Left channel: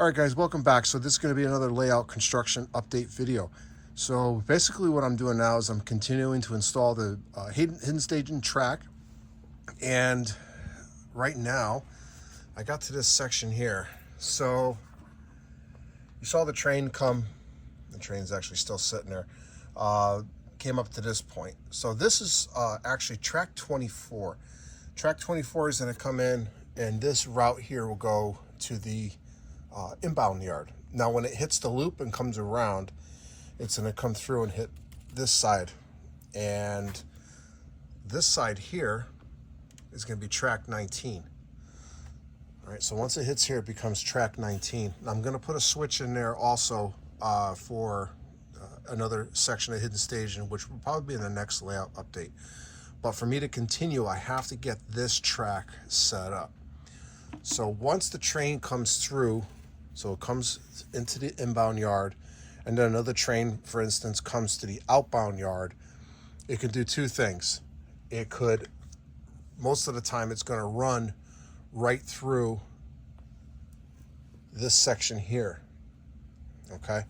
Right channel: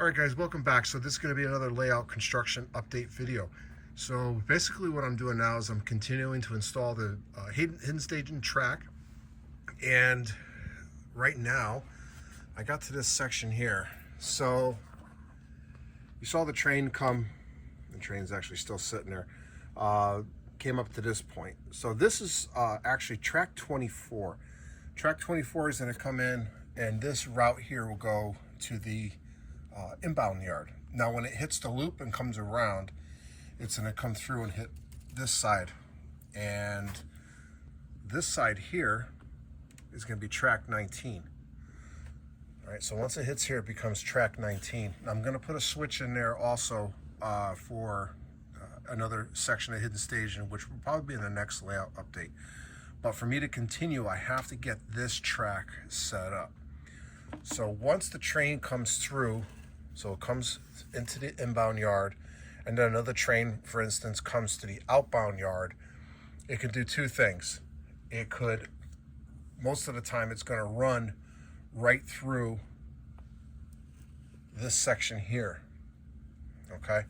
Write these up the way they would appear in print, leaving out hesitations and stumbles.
All right, guys, welcome back. So this is going to be another layout construction update video. So basically what I'm doing now is I'm continuing to install the hidden staging track. And right now, I got to this section here. So you saw the train come. The train's actually still sitting there. Came up to this point. So this is actually track 24. Track 24 is going to come in, and this route here will go to the inbound yard. Now when it hits the loop and comes around, it's going to come through and hit this side, and this side here is going to be track 19. All right, so once it hits here, it becomes track 19. I'm going to put a switch in there also for another section of hidden staging, which will probably be in the next layout update. But for me to continue, I have to get this track set up. So once the train comes through, so it comes into the inbound yard, and then another train, for instance, comes to the outbound yard, it can do two things. It could, most of the time, it's going to run right through this section here. Okay,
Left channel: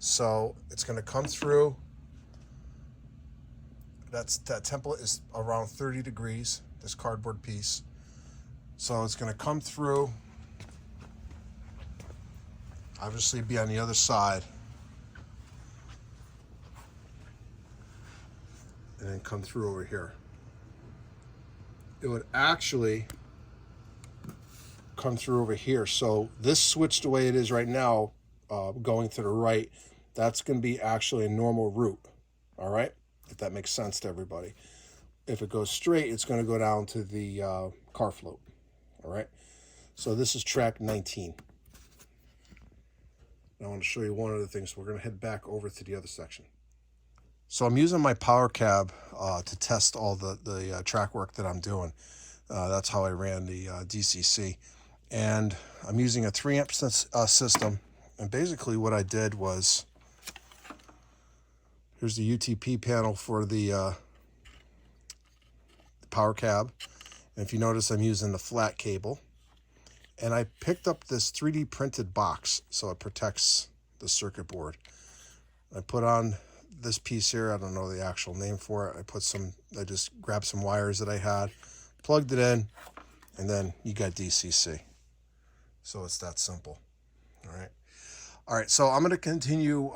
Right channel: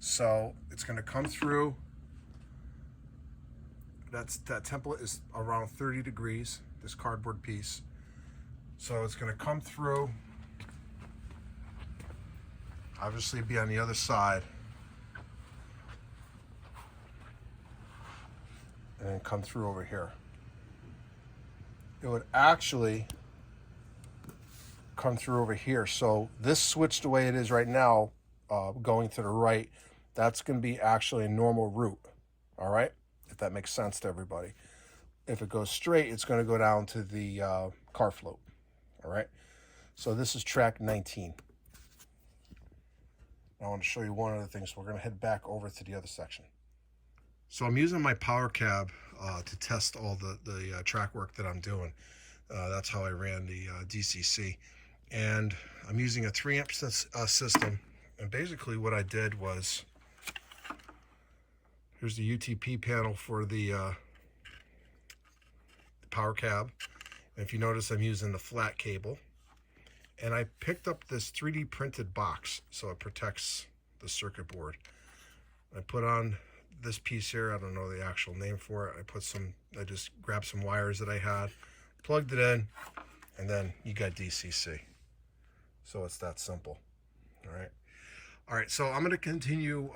so it's going to come through. That template is around 30 degrees, this cardboard piece. So it's going to come through, obviously be on the other side, and then come through over here. It would actually come through over here. So this switched the way it is right now, going to the right, that's going to be actually a normal route. All right, if that makes sense to everybody. If it goes straight, it's going to go down to the car float. All right, so this is track 19. I want to show you one other thing, so we're going to head back over to the other section. So I'm using my Power Cab to test all the track work that I'm doing. That's how I ran the DCC. And I'm using a 3-amp system. And basically what I did was, here's the UTP panel for the Power Cab. And if you notice, I'm using the flat cable. And I picked up this 3D printed box, so it protects the circuit board. I put on this piece here, I don't know the actual name for it. I just grabbed some wires that I had, plugged it in, and then you got DCC. So it's that simple. All right, so I'm gonna continue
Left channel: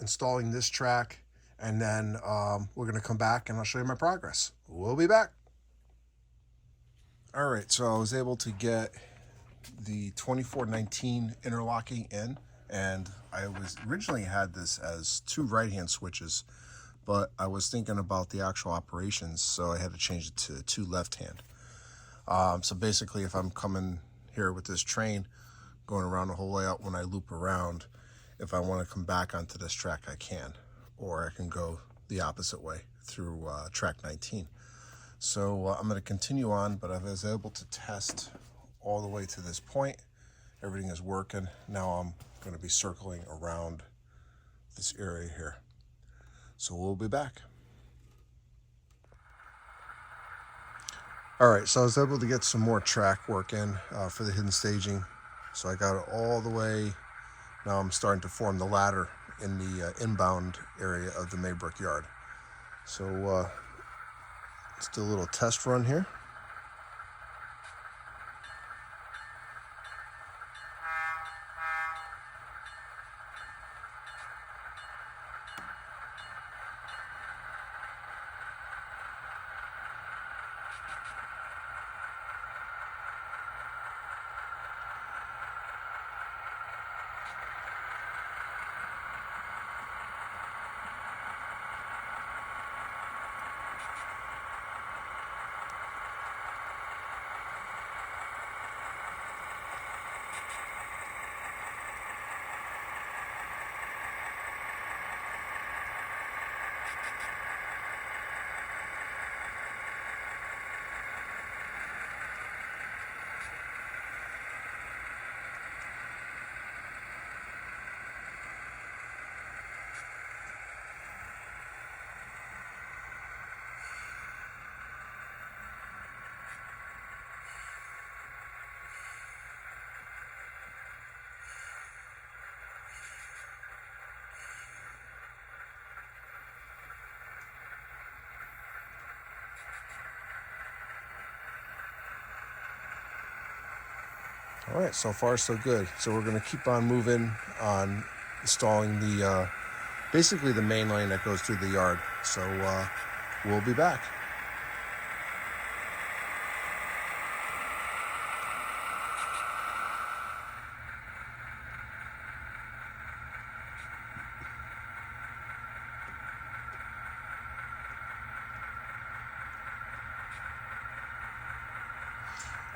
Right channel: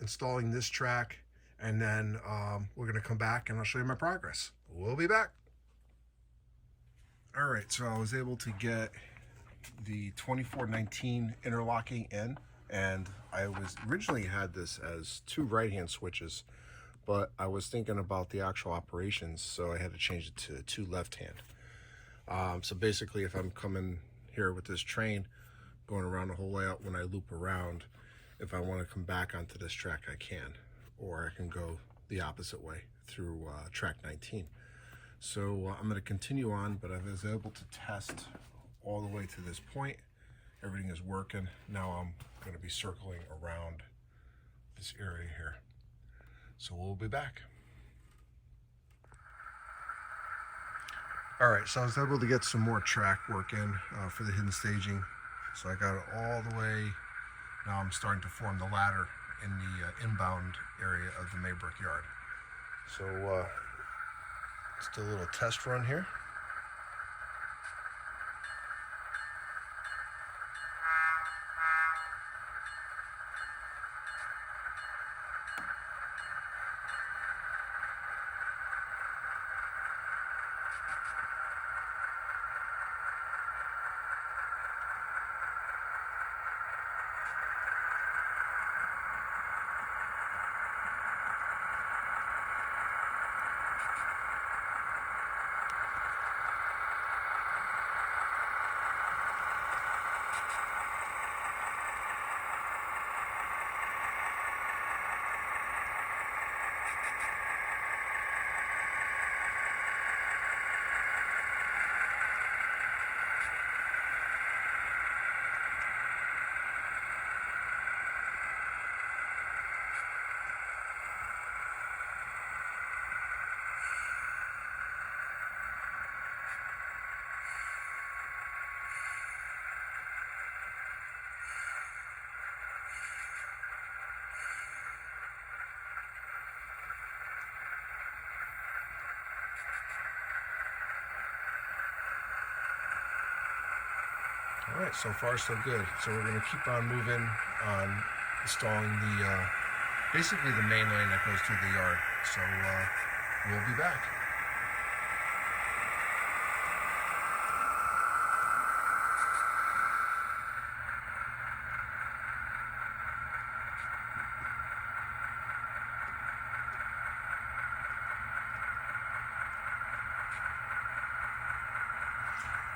installing this track, and then we're gonna come back and I'll show you my progress. We'll be back. All right, so I was able to get the 2419 interlocking in, and I was originally had this as 2 right-hand switches, but I was thinking about the actual operations, so I had to change it to 2 left-hand. So basically, if I'm coming here with this train, going around the whole layout, when I loop around, if I want to come back onto this track, I can, or I can go the opposite way through track 19. So I'm going to continue on, but I was able to test all the way to this point. Everything is working. Now I'm going to be circling around this area here. So we'll be back. All right, so I was able to get some more track work in for the hidden staging. So I got it all the way. Now I'm starting to form the ladder in the inbound area of the Maybrook yard. So let's do a little test run here. All right, so far so good. So we're going to keep on moving on installing the basically the main lane that goes through the yard. So we'll be back.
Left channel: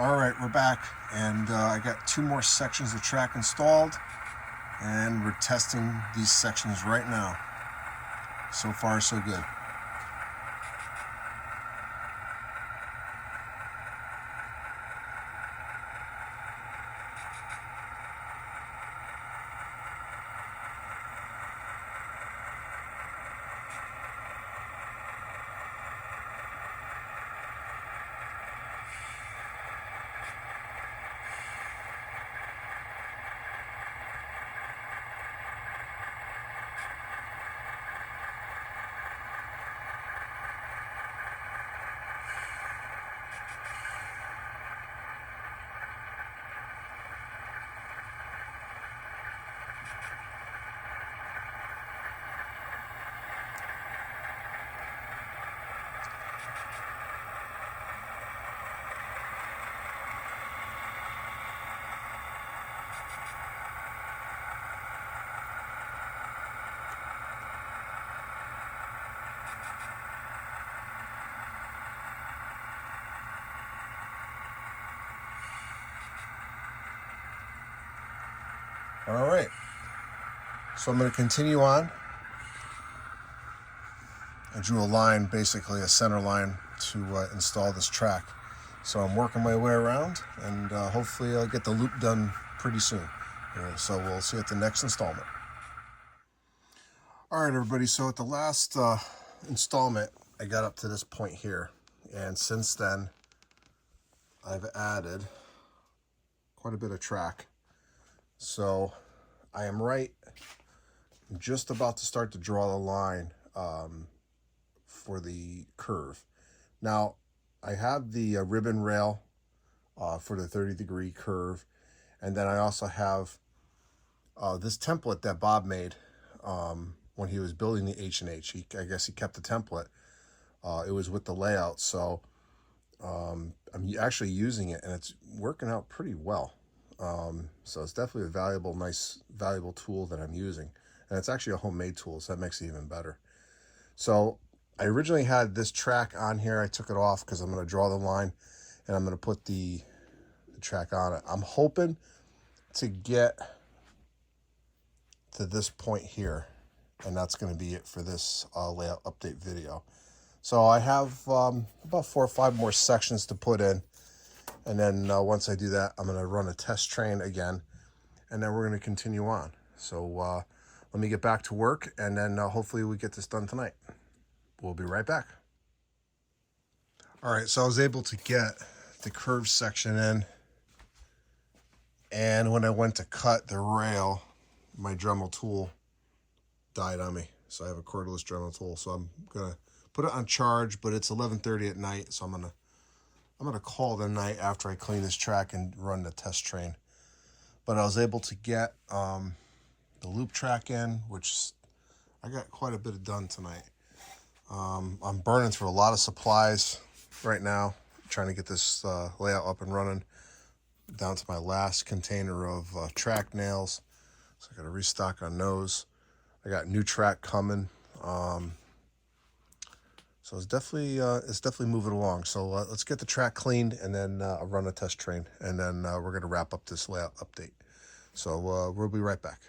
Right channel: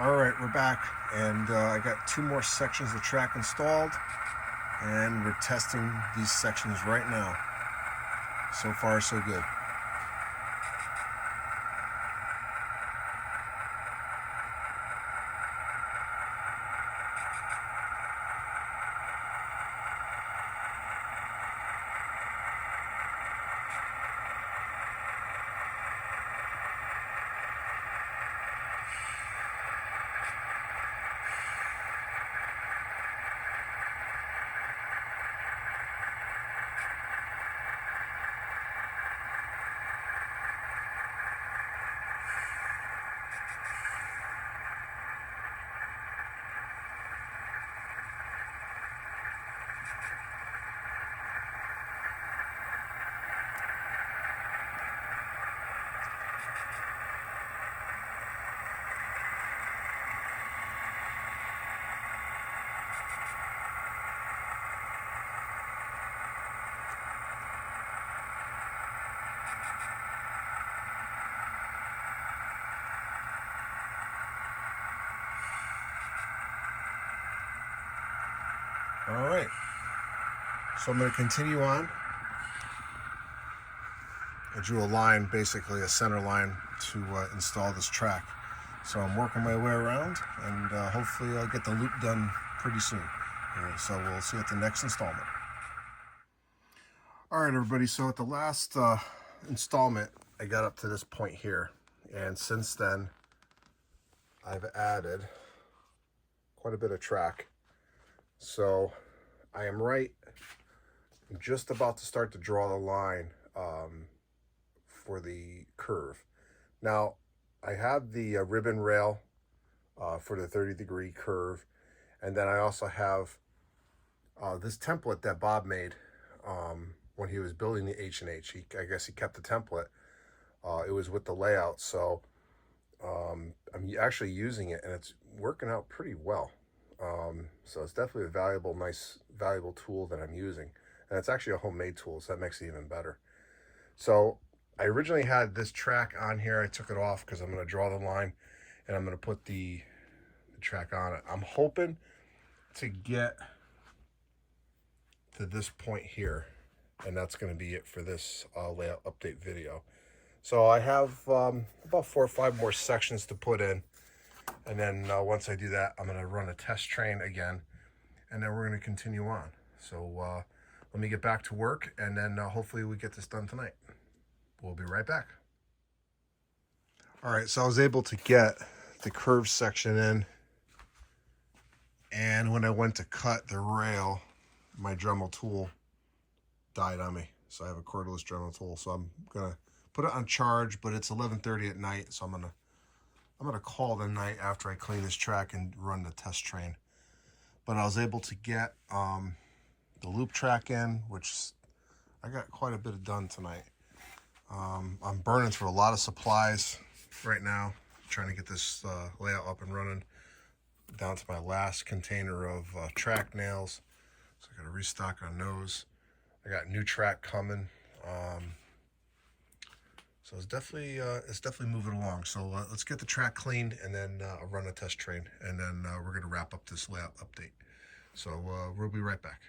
All right, we're back, and I got 2 more sections of track installed, and we're testing these sections right now. So far, so good. All right, so I'm going to continue on. I drew a line, basically a center line, to install this track. So I'm working my way around, and hopefully I'll get the loop done pretty soon. So we'll see you at the next installment. All right, everybody, so at the last installment, I got up to this point here, and since then, I've added quite a bit of track. So I am I'm just about to start to draw the line for the curve. Now, I have the ribbon rail for the 30-degree curve, and then I also have this template that Bob made when he was building the H&H. I guess he kept the template. It was with the layout, so I'm actually using it, and it's working out pretty well. So it's definitely a valuable tool that I'm using, and it's actually a homemade tool, so that makes it even better. So I originally had this track on here. I took it off because I'm going to draw the line, and I'm going to put the track on it. I'm hoping to get to this point here, and that's going to be it for this layout update video. So I have about 4 or 5 more sections to put in, and then once I do that, I'm going to run a test train again, and then we're going to continue on. So let me get back to work, and then hopefully we get this done tonight. We'll be right back. All right, so I was able to get the curve section in, and when I went to cut the rail, my Dremel tool died on me. So I have a cordless Dremel tool, so I'm gonna put it on charge, but it's 11:30 at night, so I'm gonna call the night after I clean this track and run the test train. But I was able to get the loop track in, which I got quite a bit done tonight. I'm burning through a lot of supplies right now, trying to get this layout up and running, down to my last container of track nails. So I got to restock on those. I got new track coming. So it's definitely moving along. So let's get the track cleaned, and then I'll run a test train, and then we're going to wrap up this layout update. So we'll be right back.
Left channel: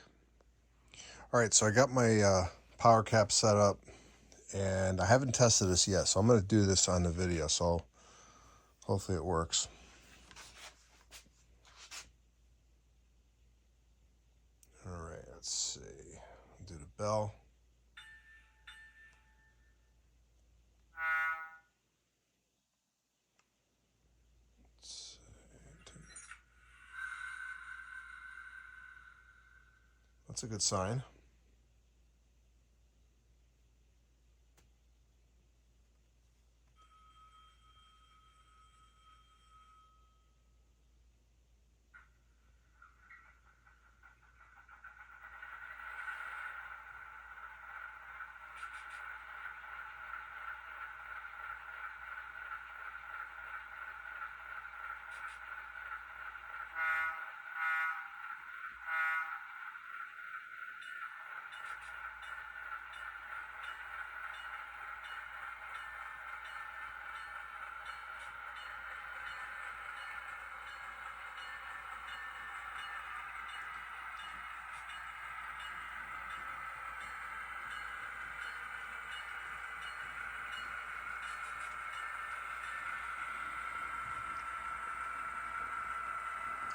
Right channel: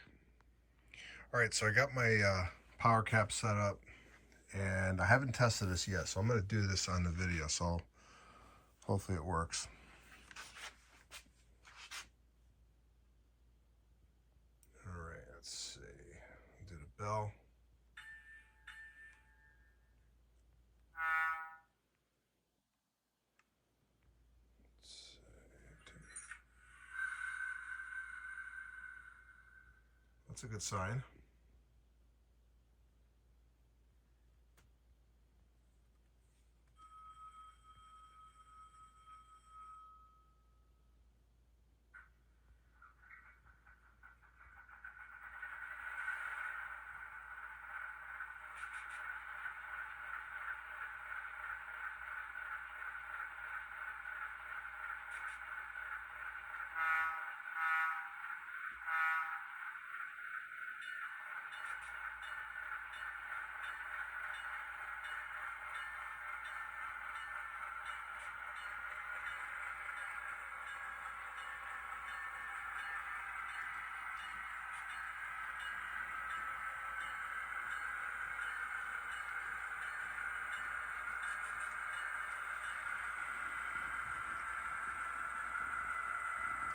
All right, so I got my power cab set up, and I haven't tested this yet, so I'm going to do this on the video, so hopefully it works. All right, let's see. Do the bell. That's a good sign.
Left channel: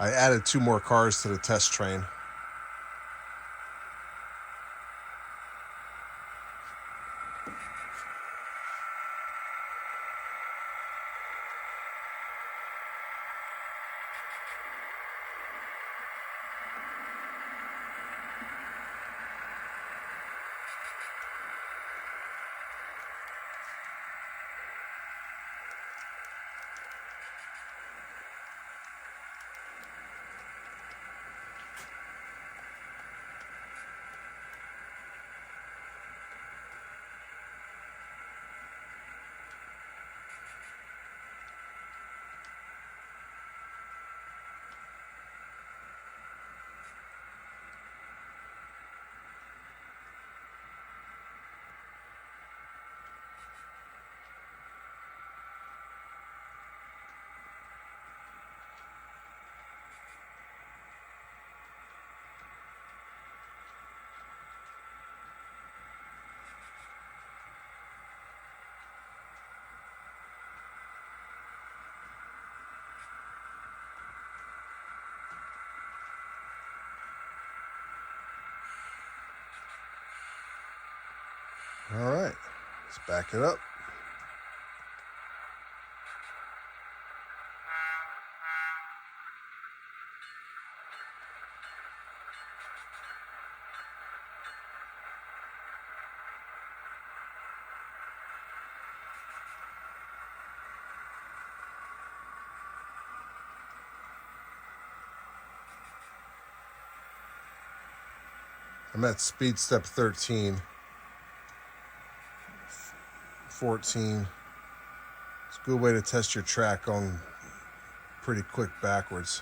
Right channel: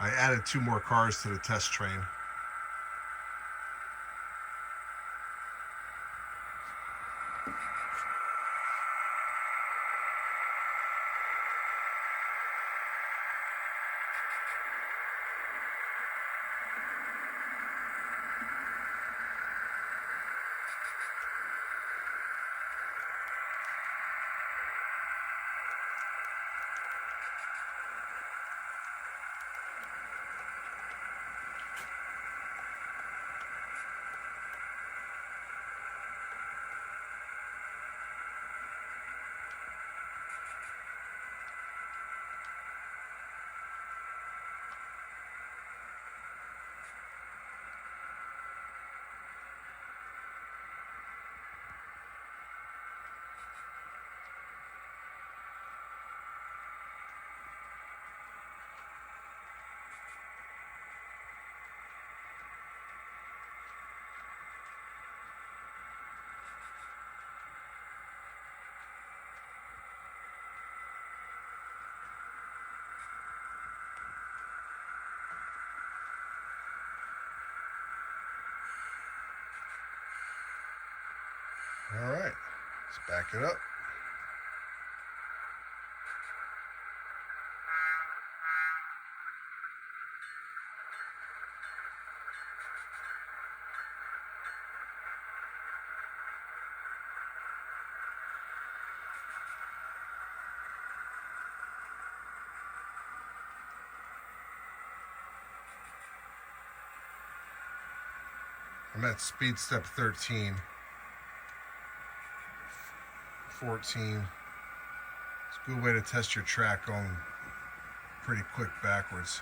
I added 2 more cars to the test train. All right, let's back it up. I'm at speed step 13. 14. It's a good way to test your track going pretty quick backwards.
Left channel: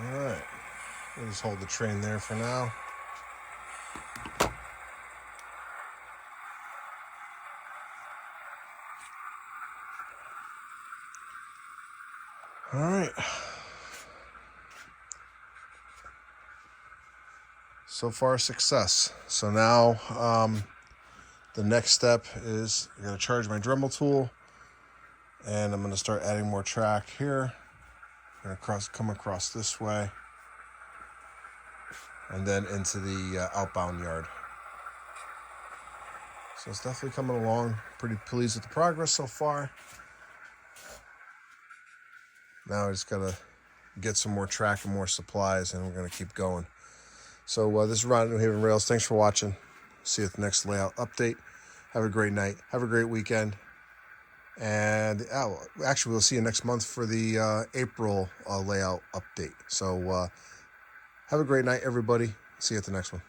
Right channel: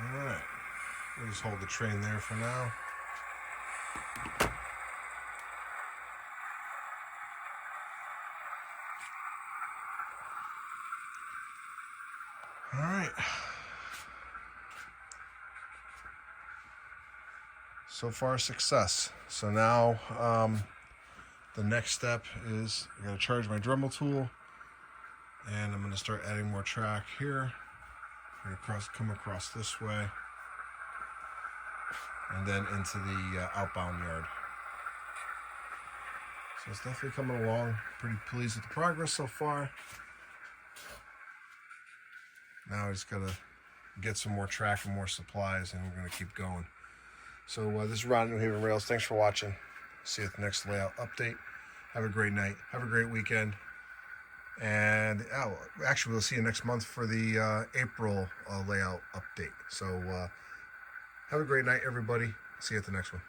All right, we'll just hold the train there for now. All right. So far, success. So now the next step is I gotta charge my Dremel tool, and I'm gonna start adding more track here. I'm gonna come across this way, and then into the outbound yard. So it's definitely coming along. Pretty pleased with the progress so far. Now I just gotta get some more track and more supplies, and we're gonna keep going. So this is Ron New Haven Rails. Thanks for watching. See you at the next layout update. Have a great night. Have a great weekend. And actually, we'll see you next month for the April layout update. So have a great night, everybody. See you at the next one.